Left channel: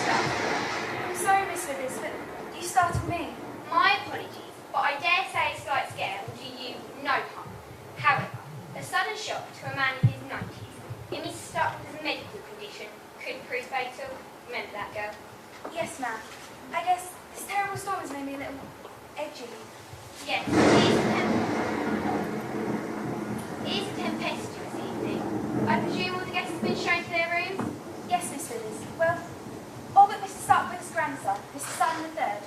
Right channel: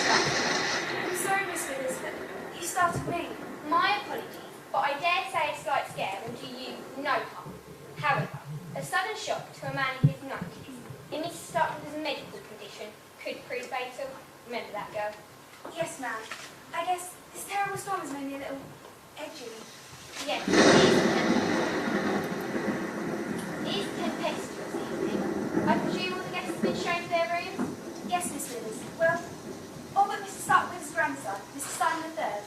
start. I'm sorry, Miss Withers, but you startled me. My apologies, but I dare say a slight scare will do you no harm. However, a sudden shock to a man in his 90s, in Mr. Starkweather's medical condition, could prove fatal. Remember that, girl? Yes, ma'am. I guess this terrible storm has made me a little edgy. Yes, it is a tempestuous evening. I presume all the guests have been shown to their rooms? Yes, Miss Withers. Well, all but Mr. Starkweather's grandson, Mr. Simon III.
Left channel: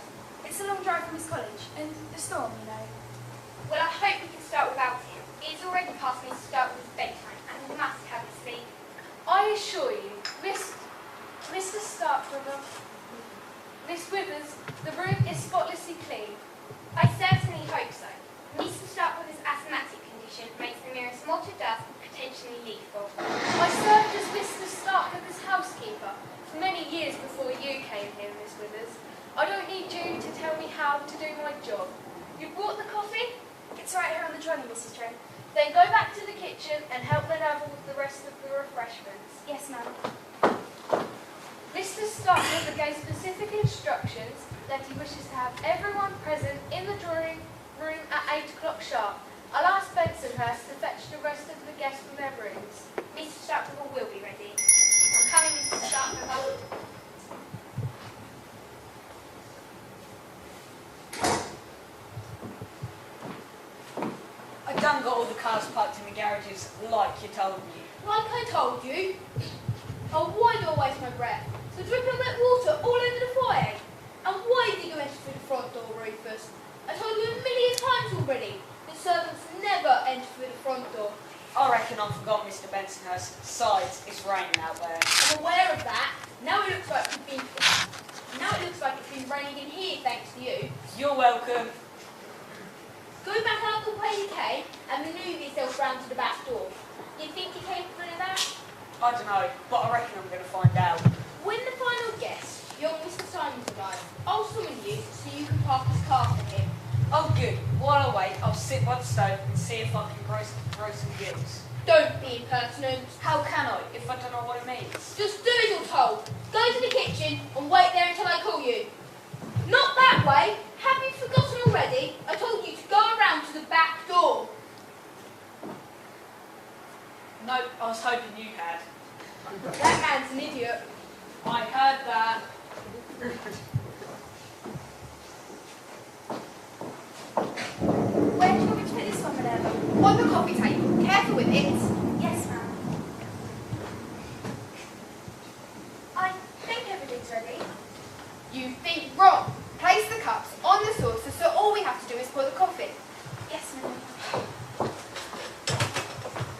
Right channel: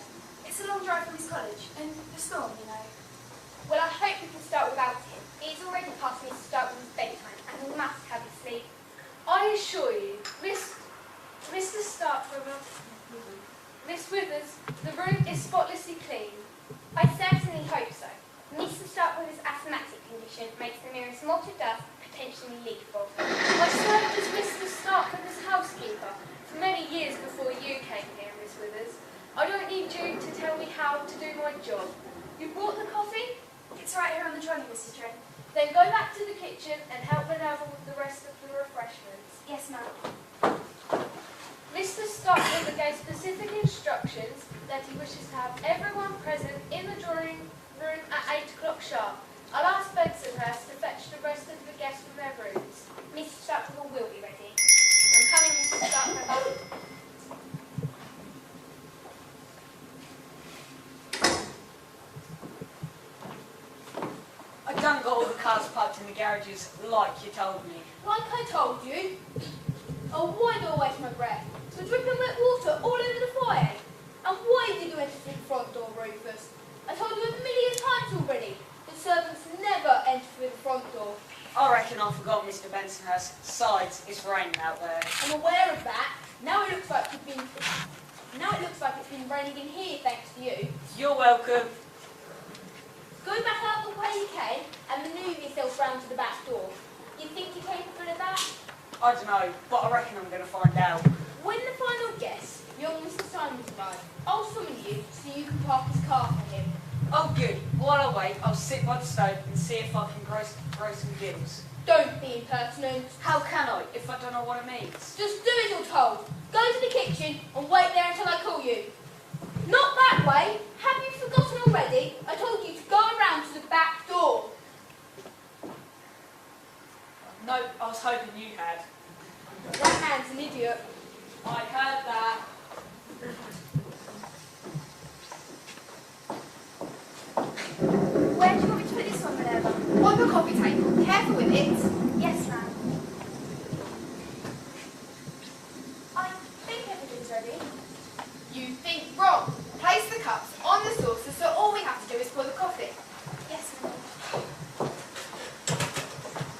It's a long drive from his college, and the storm, you know. Well, I hope we can start without him. It is already past Mr. Starkweather's bedtime, and he must have his sleep. I assure you, Mr. Starkweather, Miss Withers, the room is spotlessly clean. I certainly hope so. Mr. Starkweather's asthmatic condition makes the merest mote of dust potentially lethal. I served as Mr. Starkweather's housekeeper for many years before you came here, Miss Withers. I don't need you to tell me how to do my job. You brought the coffee? It's right here on the trolley, Mrs. Trent. Then go back to the kitchen and help Minerva with the rest of the refreshments. Yes, ma'am. Mr. Starkweather gave specific instructions that he wishes to have everyone present in the drawing room at 8 o'clock sharp. I'll ask Bensonhurst to fetch the rest of the guests from their rooms. Mr. Starkweather will be ready. I'm coming, Mr. Starkweather. I done got all the cars parked in the garages like you told me. Like I told you. Oh, why do I waste my breath? The dripping wet water all over the foyer. And why did you enter through the front door, Rufus? I told you a million times already that servants never enter through the front door. I reckon I forgot Mr. Bensonhurst. Besides, it's raining out there. I'm aware of that. Now it looks like it's been raining in here thanks to you. You're welcome. Go back out the way you came and manoeuvre yourself round to the back door. You think you're capable of that? I don't know, but I reckon I'm going to find out. When the final guest, young Mr. Simons, arrives, I'll summon you so you can park his car for him. Oh, good. While I wait, I'll sit by the stove and see if I can grow some gills. Don't be impertinent. How can I, if I don't know what it means? Just do as you're told. Go to the kitchen and wait there until I call you. Not that way. Have you forgotten already? I told you to go around to the back door. No, I was hoping you had. That man's an idiot. I heard that. Where do you want me to put this one, Minerva? On the coffee table. Careful with it. Yes, ma'am. I think everything's ready. You think wrong. Place the cups on the saucer so all we have to do is pour the coffee. Yes, Minerva.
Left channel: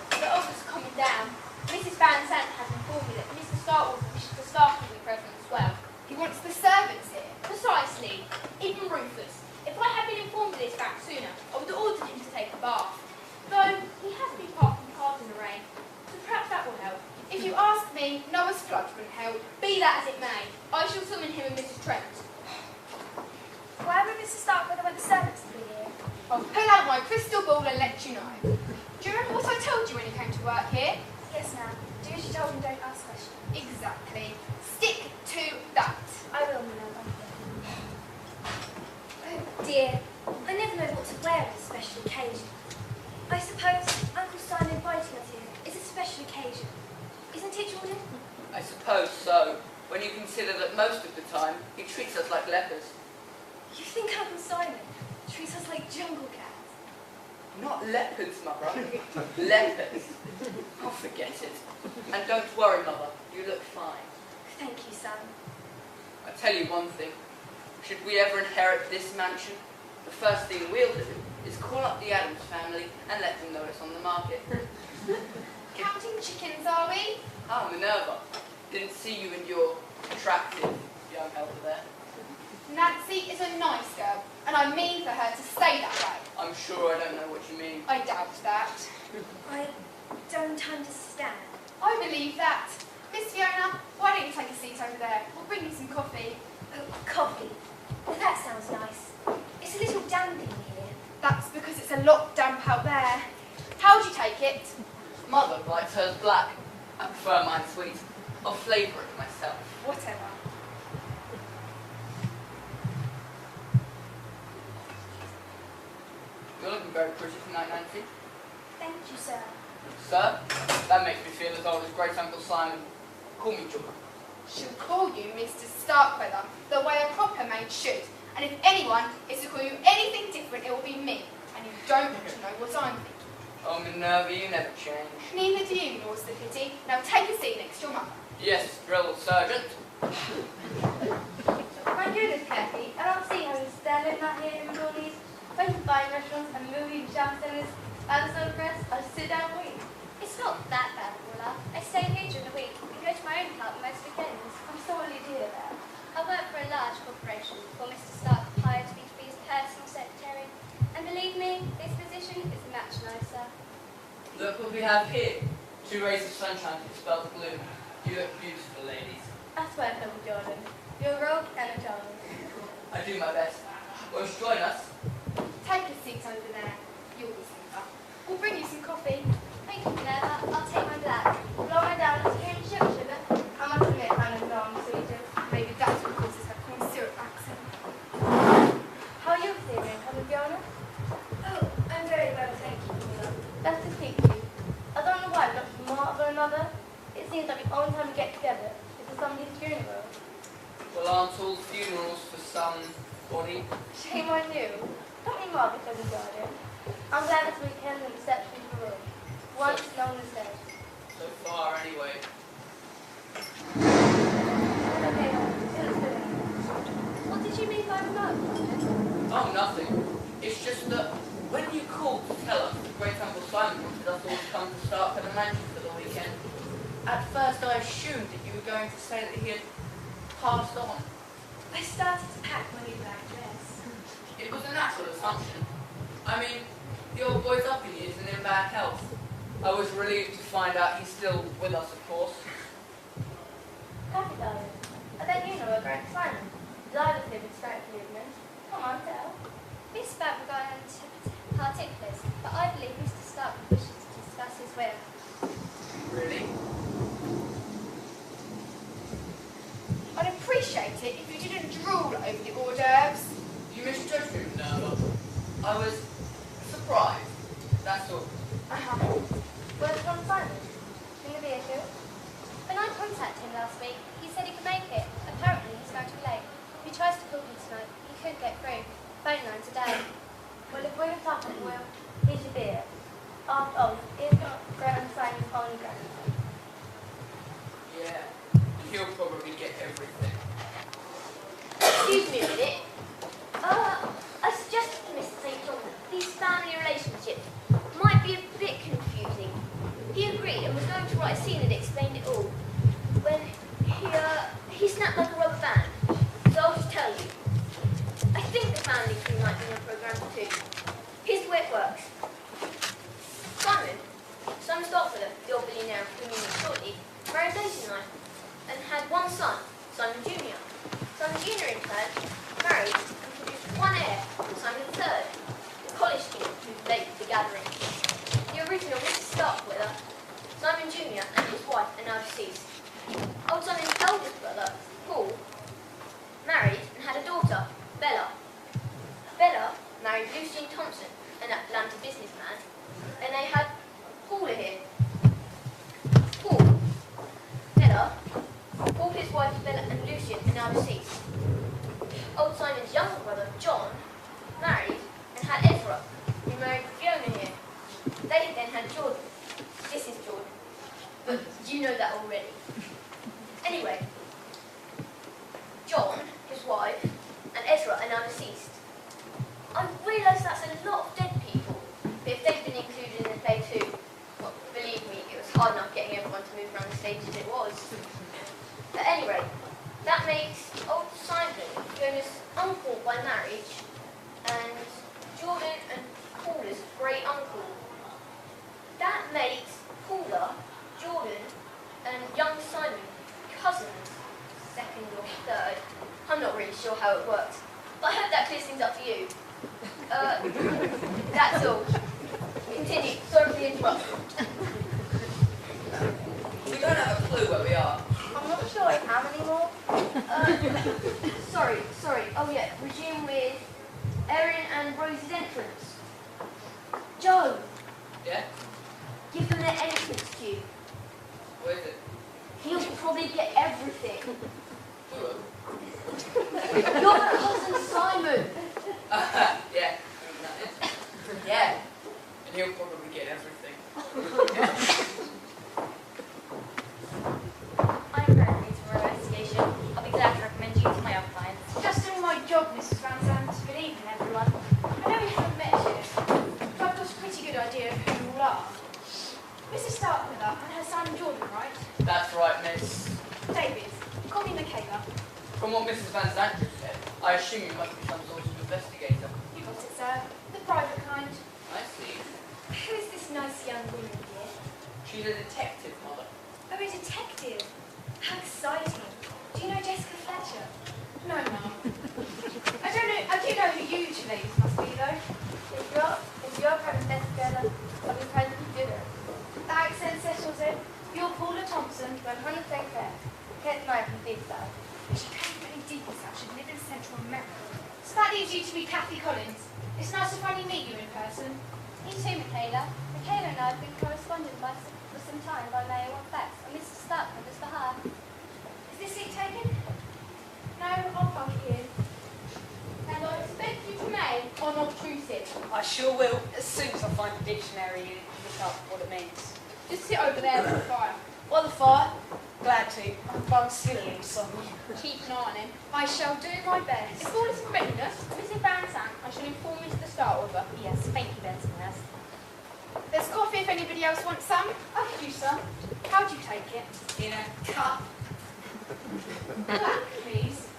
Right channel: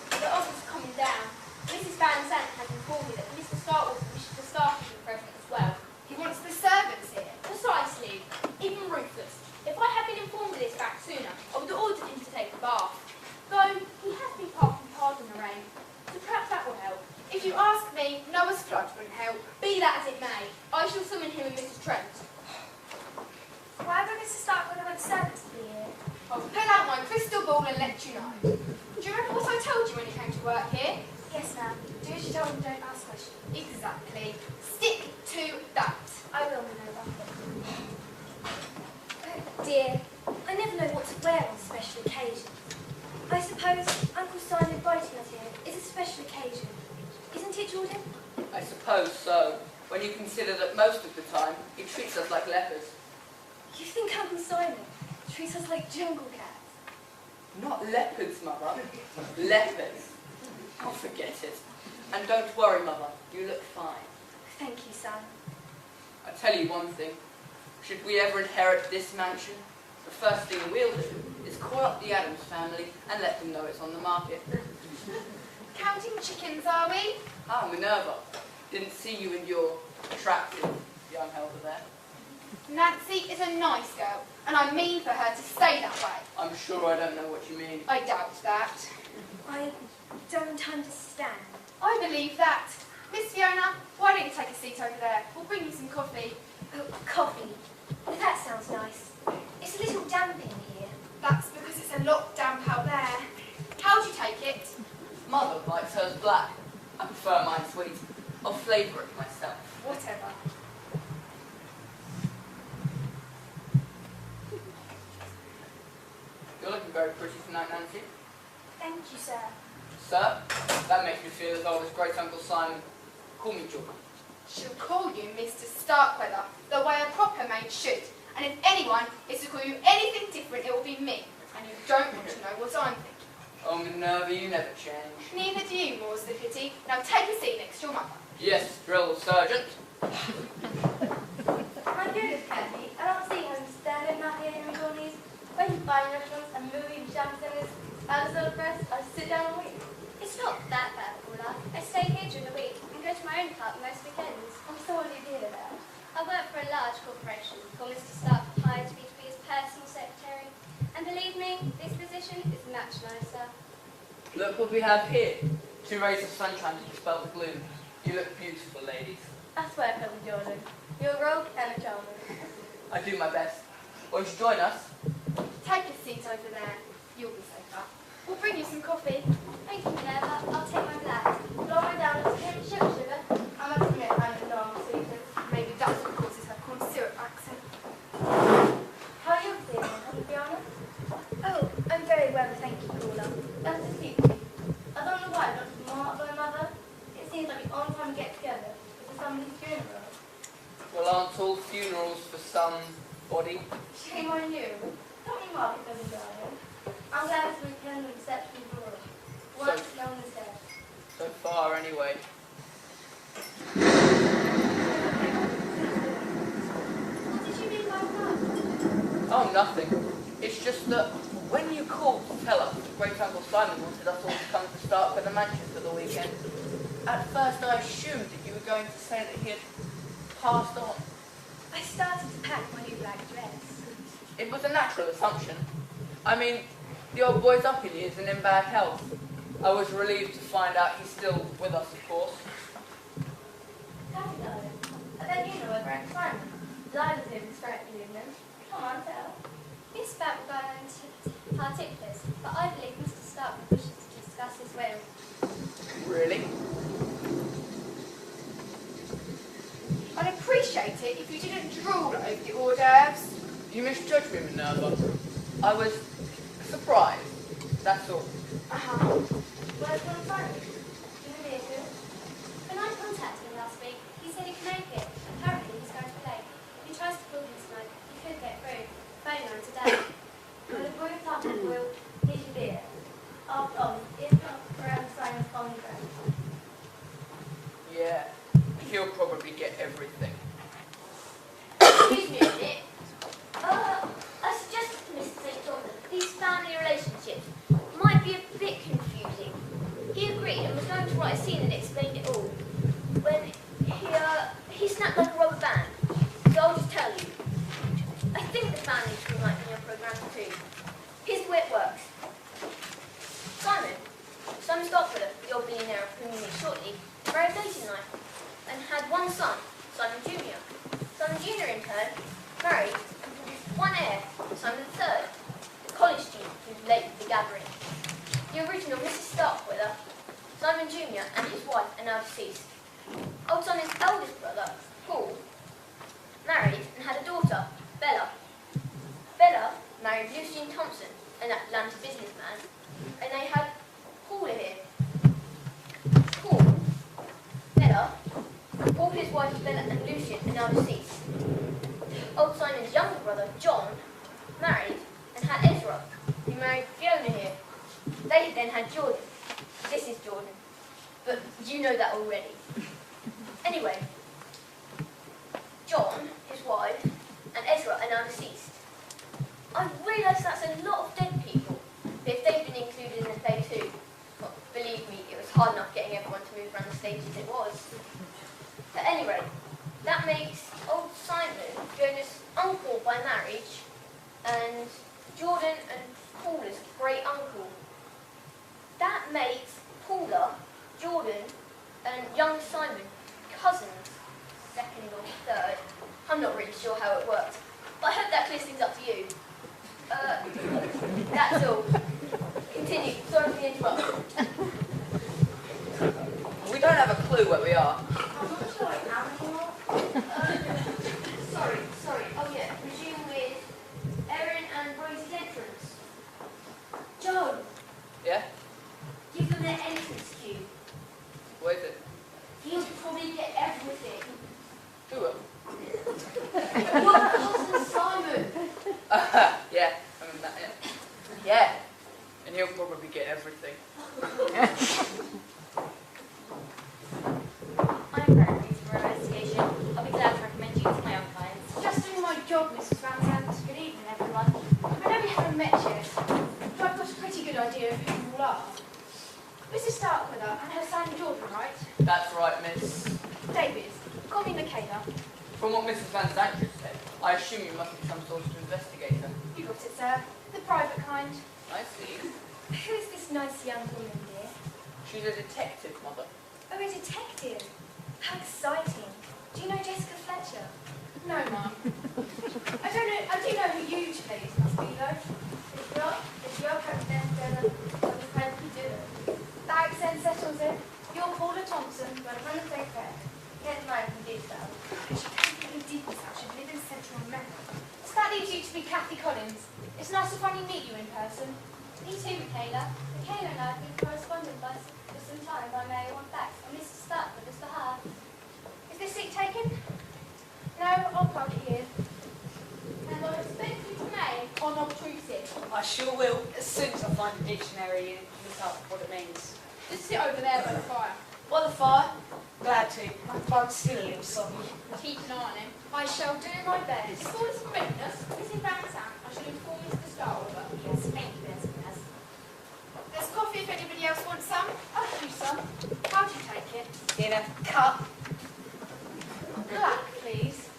The others are coming down. Mrs. Van Sant has informed me that Mr. Starkweather wishes the staff to be present as well. He wants the servants here. Precisely. Even Rufus. If I had been informed of this fact sooner, I would have ordered him to take a bath. Though he has been parking cars in the rain, so perhaps that will help. If you ask me, Noah's flood wouldn't help. Be that as it may, I shall summon him and Mrs. Trent. Why would Mr. Starkweather want the servants to be here? I'll pull out my crystal ball and let you know. Do you remember what I told you when you came to work here? Yes, ma'am. Do as you told and don't ask questions. Exactly. Stick to that. I will, Minerva. Oh dear, I never know what to wear on special occasions. I suppose Uncle Simon inviting us here is a special occasion. Isn't it, Jordan? I suppose so, when you consider that most of the time he treats us like lepers. You think Uncle Simon treats us like jungle cats? Not leopards, Mother. Lepers. Oh, forget it. And don't worry, Mother, you look fine. Thank you, son. I tell you one thing. Should we ever inherit this mansion, the first thing we'll do is call up the Adams family and let them know it's on the market. Counting chickens, are we? Ah, Minerva. Didn't see you and your attractive young helper there. Nancy is a nice girl, and I mean for her to stay that way. I'm sure I don't know what you mean. I doubt that. I don't understand. I believe that. Miss Fiona, why don't you take a seat over there? We'll bring you some coffee. Oh, coffee. Well, that sounds nice. It's a little damp in here. That's because it's a lot damp out there. How'd you take it? Mother likes hers black. I prefer mine sweet. I'll flavour it myself. Whatever. looking very pretty tonight, Nancy. Thank you, sir. Sir, that makes me feel as old as Great Uncle Simon. Call me George. She'll call you Mr. Starkweather, the way a proper maid should. And if anyone is to call you anything different, it will be me. And you don't want to know what I'm thinking. Oh, Minerva, you never change. Neither do you, more's the pity. Now take a seat next to your mother. Yes, drill sergeant. My goodness, Kathy, I don't see how you stand it not here in McGonagall's, where you find restaurants and movie shopping centres, out of the press, I'll sit down and wait. It's not that bad, Paula. I stay here during the week and go to my own park most weekends. I'm sorry to hear that. I work for a large corporation before Mr. Stark hired me to be his personal secretary. And believe me, this position is much nicer. Look what we have here. 2 rays of sunshine to dispel the gloom. You look beautiful, ladies. That's why I call you Jordan. You're a rogue and a charmer. I do my best. Won't you join us? Take a seat over there. You'll be safer. We'll bring you some coffee. Thank you, Minerva. I'll take my black. Blow me down, it's came sugar. I must admit, I'm a non-sweeter. Maybe that's what causes her corn syrup accent. How are you feeling, Cousin Fiona? Oh, I'm very well, thank you, Paula. That's to speak to you. I don't know why, but from one or another, it seems like the only time we get together is for somebody's funeral. Well, aren't all funerals for somebody? Shame on you. Don't be mad because of Jordan. I'm glad this weekend the reception is rural. Once known as dead. So far, anyway. It's okay, honey. It's good. What did you mean by remark, Jordan? Oh, nothing. It's just that when you called to tell us that Great Uncle Simon wanted us all to come to Starkweather Mansion for the weekend, at first I assumed that you were going to say that he had passed on. I started to pack my new black dress. It was a natural assumption. I mean, the old boy's up in years and in bad health. I was relieved to find out he's still with us, of course. Kathy, darling, I bet you know a Grant Simon. Lila's live in Stratford, isn't it? Come on, tell. Miss Bat will go into particulars, but I believe Mr. Stark wishes to discuss his will. Really? I'd appreciate it if you didn't drool over the hors d'oeuvres. You misjudged me, Minerva. I was surprised, that's all. Uh-huh. Where's Grant Simon? In the vehicle? When I contacted him last week, he said he could make it. Apparently, he's going to be late. If he tries to call him tonight, he could get through. Phone lines are down. Well, if we're talking Will, he should be here. After all, it's Grant Simon's only grandson. Yeah, he'll probably get everything. Excuse me a minute. I suggested to Mr. St. John that these family relationships might be a bit confusing. He agreed and was going to write a scene that explained it all. When he snapped like a rubber band. So I'll just tell you. I think the family tree might be in your program too. Here's the way it works. Simon Starkweather, the old billionaire of whom you meet shortly, married late in life and had one son, Simon Jr. Simon Jr. in turn married and produced one heir, Simon III, the college student who's late with the gathering. The original Mrs. Starkweather, Simon Jr. and his wife are now deceased. Old Simon's eldest brother, Paul, married and had a daughter, Bella. Bella married Lucian Thompson, an Atlanta businessman, and they had Paula here. Paul, his wife Bella and Lucian are now deceased. Old Simon's younger brother, John, married and had Ezra, who married Fiona here. They then had Jordan. This is Jordan. But you know that already. Anyway, John, his wife, and Ezra are now deceased. I realise that's a lot of dead people, but if they've been included in the play too, well, believe me, it was hard enough getting everyone to move around the stage as it was. At any rate, that makes old Simon Fiona's uncle by marriage, and Jordan and Paula's great uncle. That makes Paula, Jordan, and young Simon cousins, second or third. I'm not really sure how it works, but I hope that clears things up for you. That's all. Continue. Sorry for the interruption. We don't have a clue where we are. I'm not sure I have any more. Sorry. Oh yeah, resume with Erin and Rose's entrance. Your cousin Simon. Yeah, I remember that, yeah. Yeah, and he'll probably get everything. I'm very pleased with our investigation. I'll be glad to recommend you to my other clients. Just doing my job, Mrs. Van Zandt. Good evening, everyone. I know we haven't met yet, but I've got a pretty good idea of who you all are. Mrs. Starkweather and her son Jordan, right? That's right, miss. David, call me Michaela. From what Mrs. Van Zandt just said, I assume you must be some sort of investigator. You got it, sir. The private kind. I see. Who is this nice young woman, dear? She's a detective, mother. Oh, a detective. How exciting. Do you know Jessica Fletcher? No, Mum. I don't know. I do know who you two ladies must be, though. If you're from Jessica, I'll be proud to do it. The accent settles it. You're Paula Thompson. 100% correct. Can't deny from deep down. She came from any deep south. Should live in Central America. So that leaves you to be Kathy Collins. It's nice to finally meet you in person. Me too, Michaela. Michaela and I have been corresponding for some time by mail on fax on Mr. Starkweather's behalf. Is this seat taken? No, I'll park it here. And I expect you to remain unobtrusive. I sure will, as soon as I find a dictionary and look up what it means. Just sit over there by the fire. By the fire? Glad to. My bum's still a little soggy. Keep an eye on him. I shall do my best. If all is in readiness, Mrs. Van Zandt, I shall inform Mr. Starkweather. Yes, thank you, Betsy. There's coffee if anybody else wants some. I'll have you some. How'd you take it? In a cup. Black, please.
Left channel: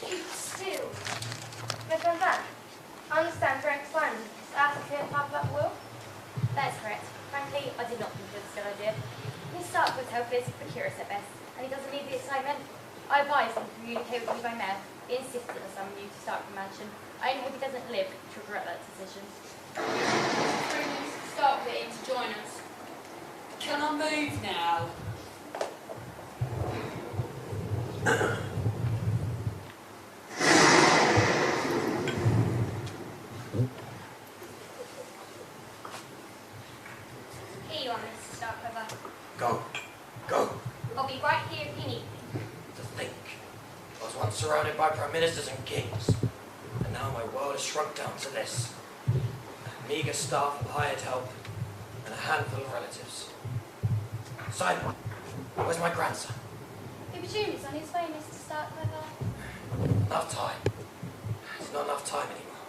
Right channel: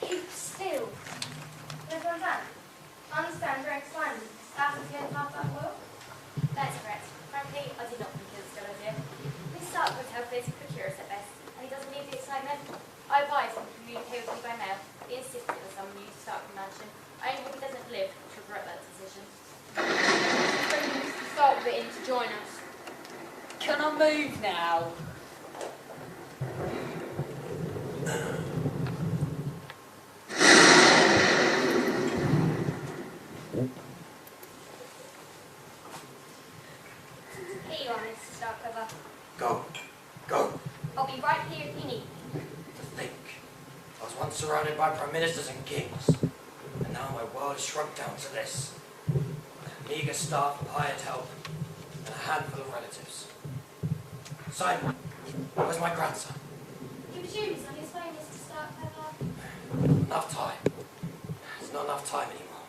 Keep still. Miss Van Zandt, I understand Frank Simon has asked us here to talk about the will. That is correct. Frankly, I did not think it was a good idea. Miss Starkweather's health is precarious at best, and he doesn't need the excitement. I advised him to communicate with me by mail. He insisted on summoning you to Starkweather Mansion. I only hope he doesn't live to regret that decision. Bring Mr. Starkweather in to join us. Can I move now? Here you are, Mr. Starkweather. Go. Go. I'll be right here if you need me. To think. I was once surrounded by prime ministers and kings, and now my world is shrunk down to this. A meagre staff of hired help, and a handful of relatives. Simon, where's my grandson? He presumes he's on his way, Mr. Starkweather. Enough time. There's not enough time anymore.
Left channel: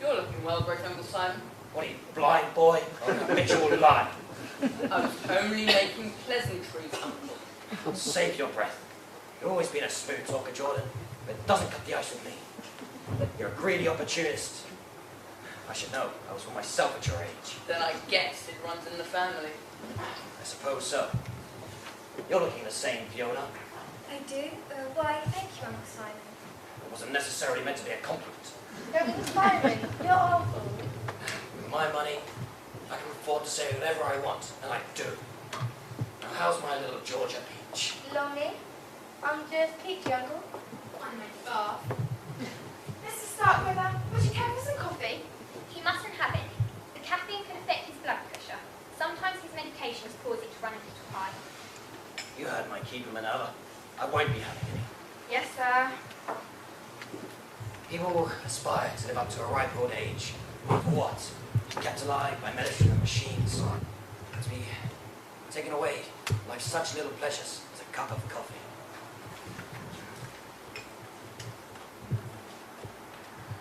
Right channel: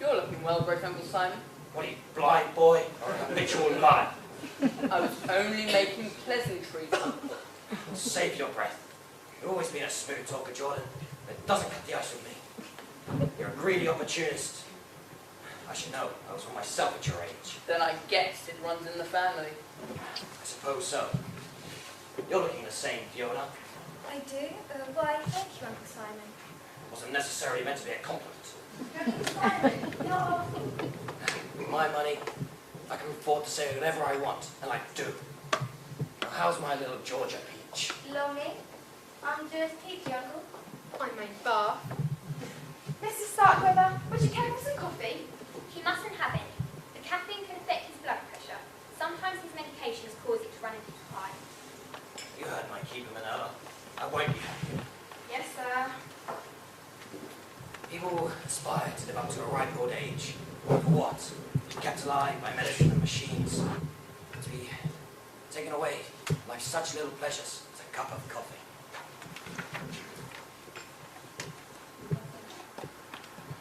You're looking well, Great Uncle Simon. What are you, blind boy, or an habitual liar? I was only making pleasantries, Uncle. Save your breath. You've always been a smooth talker, Jordan, but it doesn't cut the ice with me. You're a greedy opportunist. I should know. I was one myself at your age. Then I guess it runs in the family. I suppose so. You're looking the same, Fiona. I do? Why, thank you, Uncle Simon. It wasn't necessarily meant to be a compliment. Uncle Simon, you're awful. With my money, I can afford to say whatever I want, and I do. Now, how's my little Georgia Peach? Lonely? I'm just peachy, Uncle. I'm a bar. Mr. Starkweather, would you care for some coffee? He mustn't have any. The caffeine can affect his blood pressure. Sometimes his medications cause it to run a little high. You heard my keep him another. I won't be having any. Yes, sir. People aspire to live up to a ripe old age. For what? To be kept alive by medicine and machines. To be taken away like such little pleasures as a cup of coffee.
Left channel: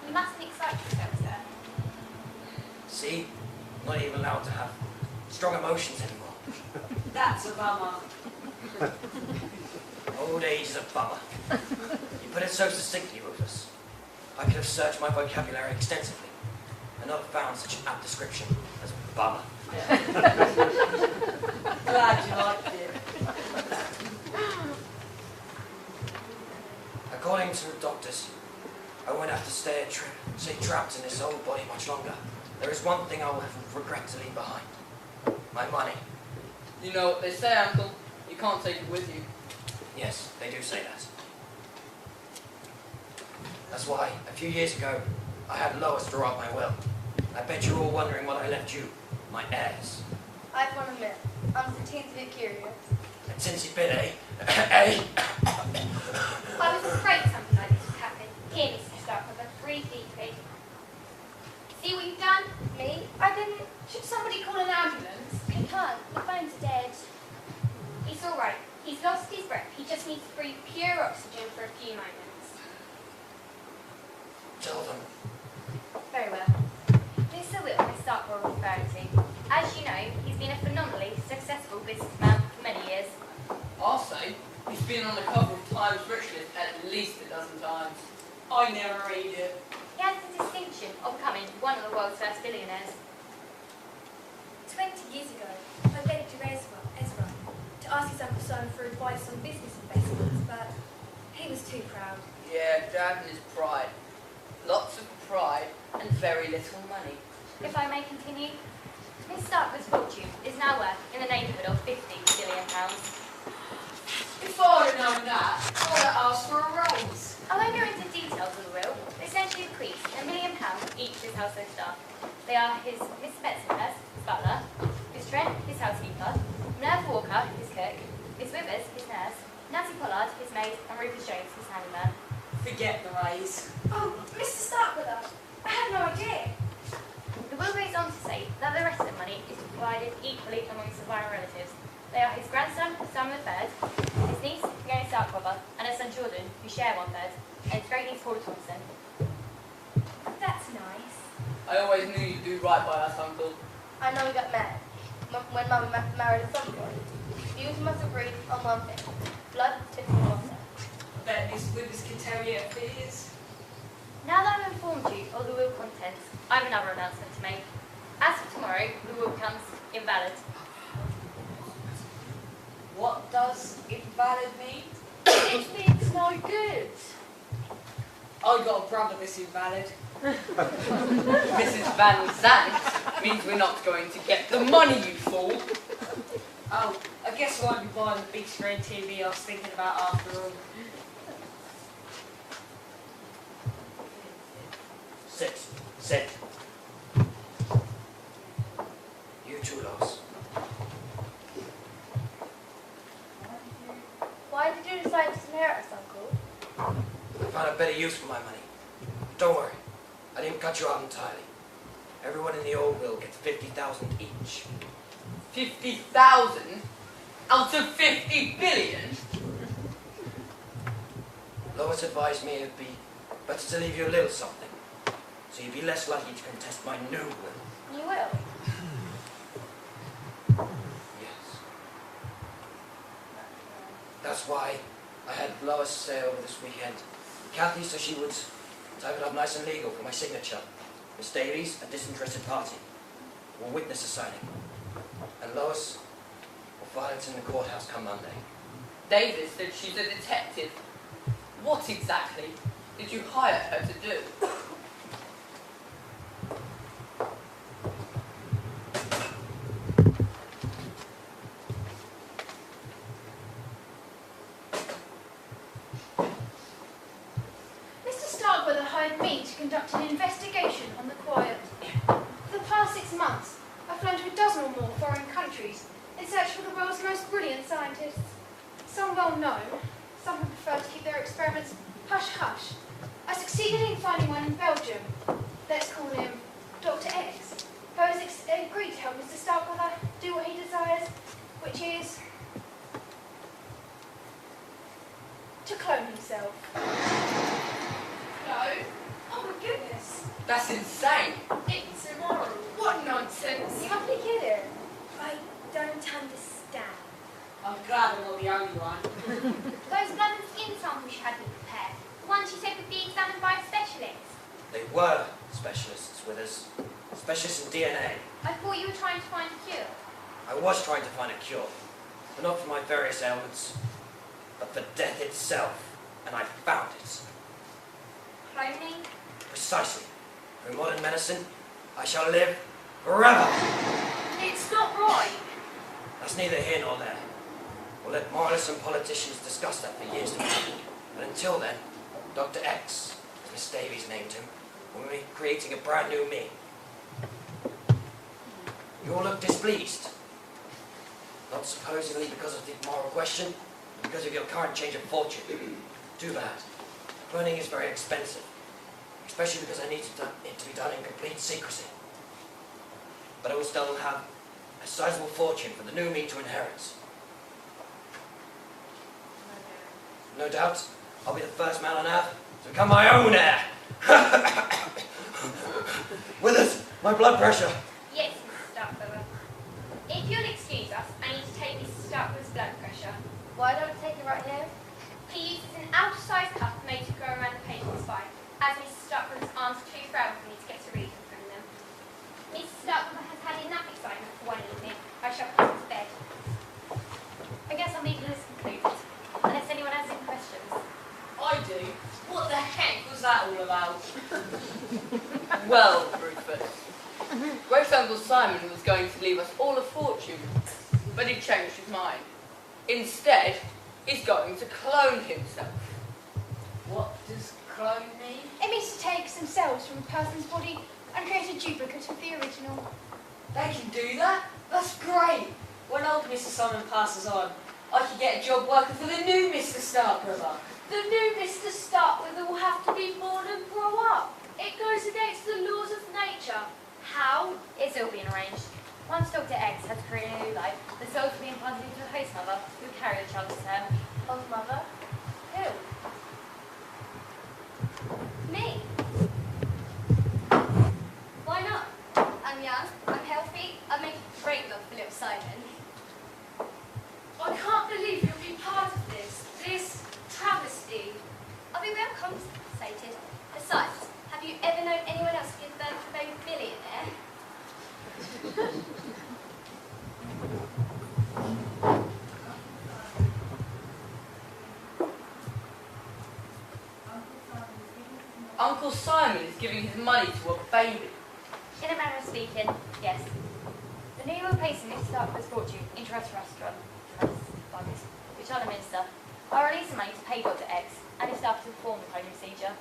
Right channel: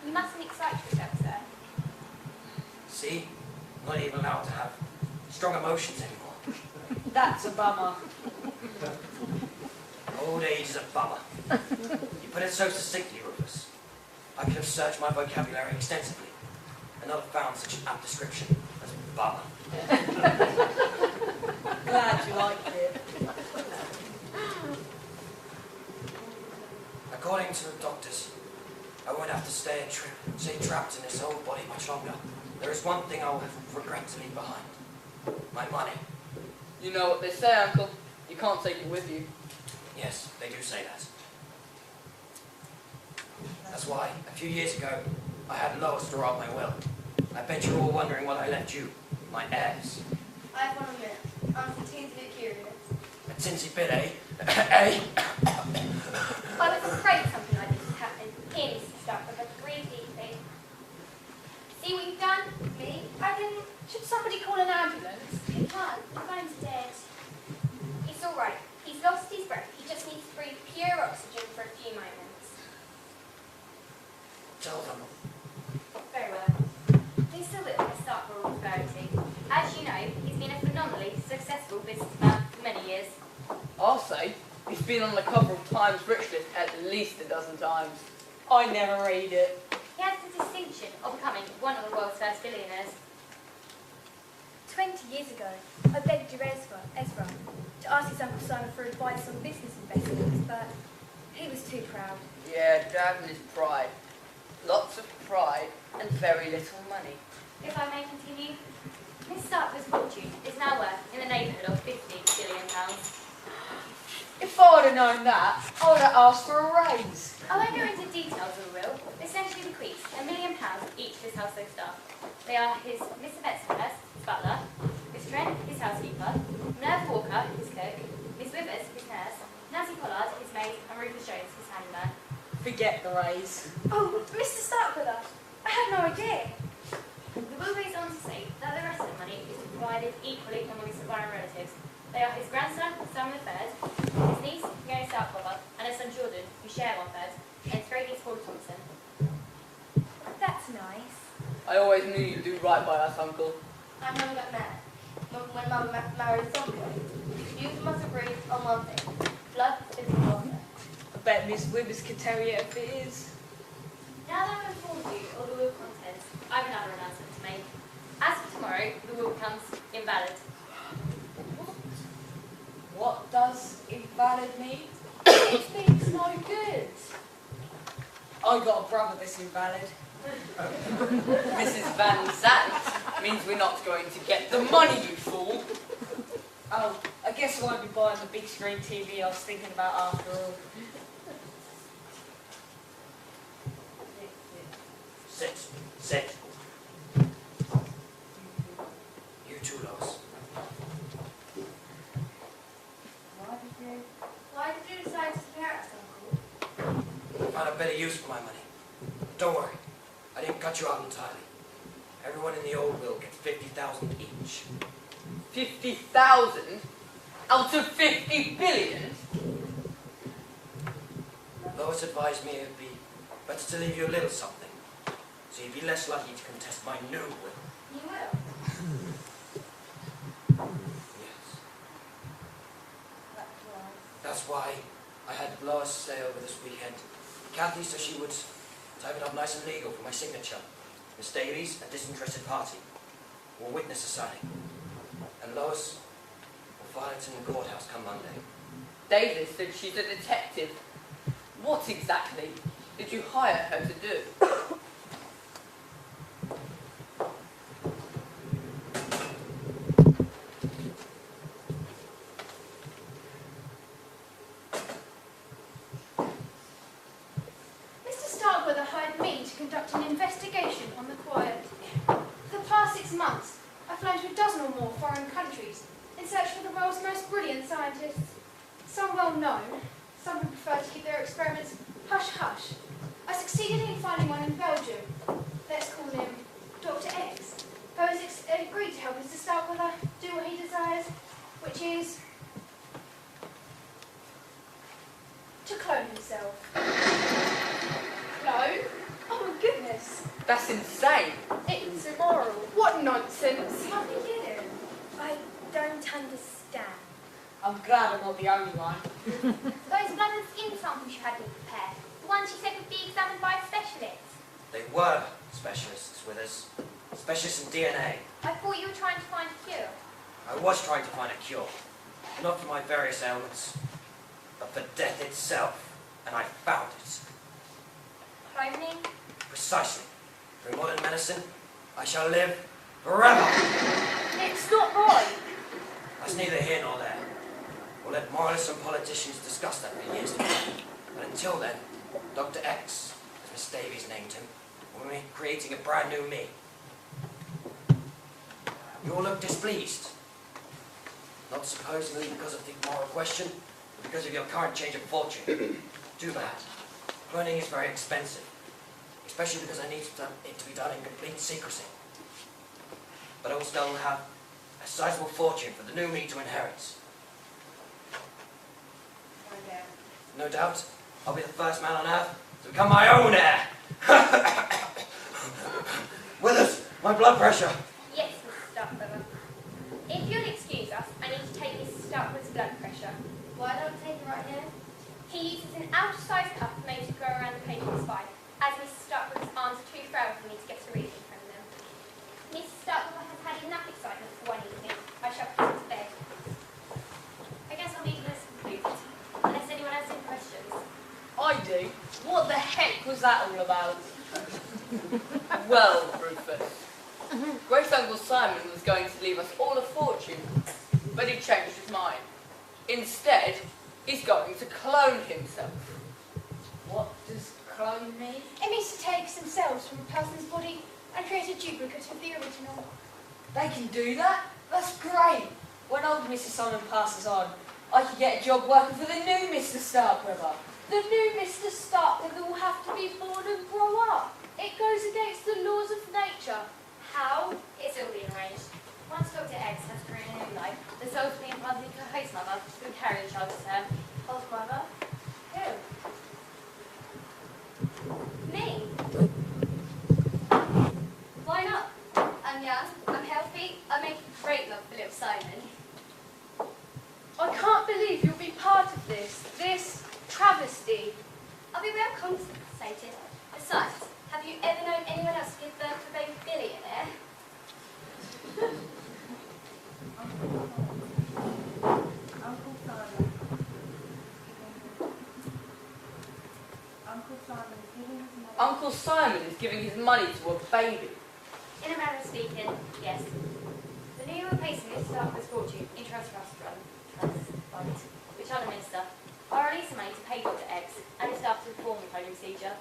You mustn't excite yourself, sir. See? Not even allowed to have strong emotions anymore. That's a bummer. Old age is a bummer. You put it so succinctly, Rufus. I could have searched my vocabulary extensively and not have found such an apt description as bummer. Glad you liked it. According to the doctors, I won't have to stay trapped in this old body much longer. There is one thing I will have regret to leave behind. My money. You know what they say, Uncle. You can't take it with you. Yes, they do say that. That's why, a few years ago, I had Lois draw up my will. I bet you're all wondering what I left you, my heirs. I want to admit, I'm a teensy bit curious. A tinsy bit, eh? Eh? I was afraid something like this would happen. Here, Mr. Starkweather, breathe deeply. See what you've done? Me? I didn't. Should somebody call an ambulance? He can't. The bones are dead. It's all right. He's lost his breath. He just needs to breathe pure oxygen for a few moments. Tell them. Very well. Mr. Will, Miss Starkweather will refer to. As you know, he's been a phenomenally successful businessman for many years. I'll say he's been on the cover of Times Rich List at least a dozen times. I never read it. He has the distinction of becoming one of the world's first billionaires. 20 years ago, I begged your Ezra to ask his Uncle Simon for advice on business investments, but he was too proud. Yeah, Dad and his pride. Lots of pride and very little money. If I may continue, Miss Starkweather's fortune is now worth in the neighbourhood of £50 billion. If I'd have known that, I would have asked for a raise. I won't go into details of the will. It essentially bequeaths £1 million each to his household staff. They are his Mr. Betsonhurst, his butler, Miss Trent, his housekeeper, Minerva Walker, his cook, Miss Withers, his nurse, Nancy Pollard, his maid, and Rufus Jones, his handyman. Forget the raise. Oh, Mr. Starkweather, I had no idea. The will goes on to say that the rest of the money is divided equally among his surviving relatives. They are his grandson, Simon III, his niece, Fiona Starkweather, and his son Jordan, who share 1/3, and his great niece, Paula Thompson. That's nice. I always knew you'd do right by us, Uncle. I know we got mad when Mum married somebody. You must agree on one thing. Blood is the water. I bet Miss Withers can tell you if it is. Now that I've informed you of the will contents, I have another announcement to make. As of tomorrow, the will becomes invalid. What does invalid mean? It means no good. I got a brother that's invalid. Mrs. Van Zandt means we're not going to get the money, you fool. Oh, I guess I won't be buying the big screen TV I was thinking about after all. Sit. You too, Lois. Why did you decide to inherit us, Uncle? I found a better use for my money. Don't worry, I didn't cut you out entirely. Everyone in the old will gets 50,000 each. 50,000 out of 50 billion? Lois advised me it would be better to leave you a little something, so you'd be less likely to contest my new will. You will. Yes. That's why I had Lois stay over this weekend. Kathy, so she would type it up nice and legal for my signature. Miss Davies, a disinterested party, will witness the signing. And Lois will file it in the courthouse come Monday. Davis said she's a detective. What exactly did you hire her to do? Mr. Starkweather hired me to conduct an investigation on the quiet. For the past 6 months, I've flown to a dozen or more foreign countries in search for the world's most brilliant scientists. Some well known, some who prefer to keep their experiments hush-hush. I succeeded in finding one in Belgium. Let's call him Dr. X, who has agreed to help Mr. Starkweather do what he desires, which is to clone himself. Clone? Oh my goodness. That's insane. It's immoral. What nonsense. You must be kidding. I don't understand. I'm glad I'm not the only one. Those blood and skin samples you had me prepare, the ones you said would be examined by a specialist. They were specialists with us. Specialists in DNA. I thought you were trying to find a cure. I was trying to find a cure, but not for my various ailments, but for death itself, and I found it. Cloning? Precisely. Through modern medicine, I shall live forever. It's not right. That's neither here nor there. Well, let moralists and politicians discuss that for years to come. But until then, Dr. X, as Miss Davies named him, will be creating a brand new me. You all look displeased. Not supposedly because of the moral question, but because of your current change of fortune. Too bad. Cloning is very expensive, especially because I need it to be done in complete secrecy. But I will still have a sizable fortune for the new me to inherit. No doubt, I'll be the first man on Earth to become my own heir. Withers, my blood pressure. Yes, Mr. Starkweather. If you'll excuse us, I need to take Mr. Starkweather's blood pressure. Why don't we take it right here? He uses an outer-size cuff made to go around the patient's spine, as Mrs. Starkweather's arms are too frail for me to get a reading from them. Mrs. Starkweather has had enough excitement for one evening. I shall put her to bed. I guess our meeting is concluded. Unless anyone has any questions. I do. What the heck was that all about? Well, Rufus, Great Uncle Simon was going to leave us all a fortune, but he changed his mind. Instead, he's going to clone himself. What does clone mean? It means to take some cells from a person's body and create a duplicate of the original. They can do that? That's great. When old Mr. Simon passes on, I could get a job working for the new Mr. Starkweather. The new Mr. Starkweather will have to be born and grow up. It goes against the laws of nature. How? It's all being arranged. Once Dr. X has created a new life, the cells will be implanted into a host mother who will carry the child to term. Host mother? Who? Me? Why not? I'm young, I'm healthy, I make a great love for little Simon. I can't believe you'll be part of this travesty. I'll be well compensated. Besides, have you ever known anyone else to give birth to a baby billionaire? Uncle Simon is giving his money to a baby. In a manner of speaking, yes. The new replacing Mr. Starkweather's fortune into a trust fund, which I'll administer. I'll release the money to pay Dr. X and his staff to perform the cloning procedure.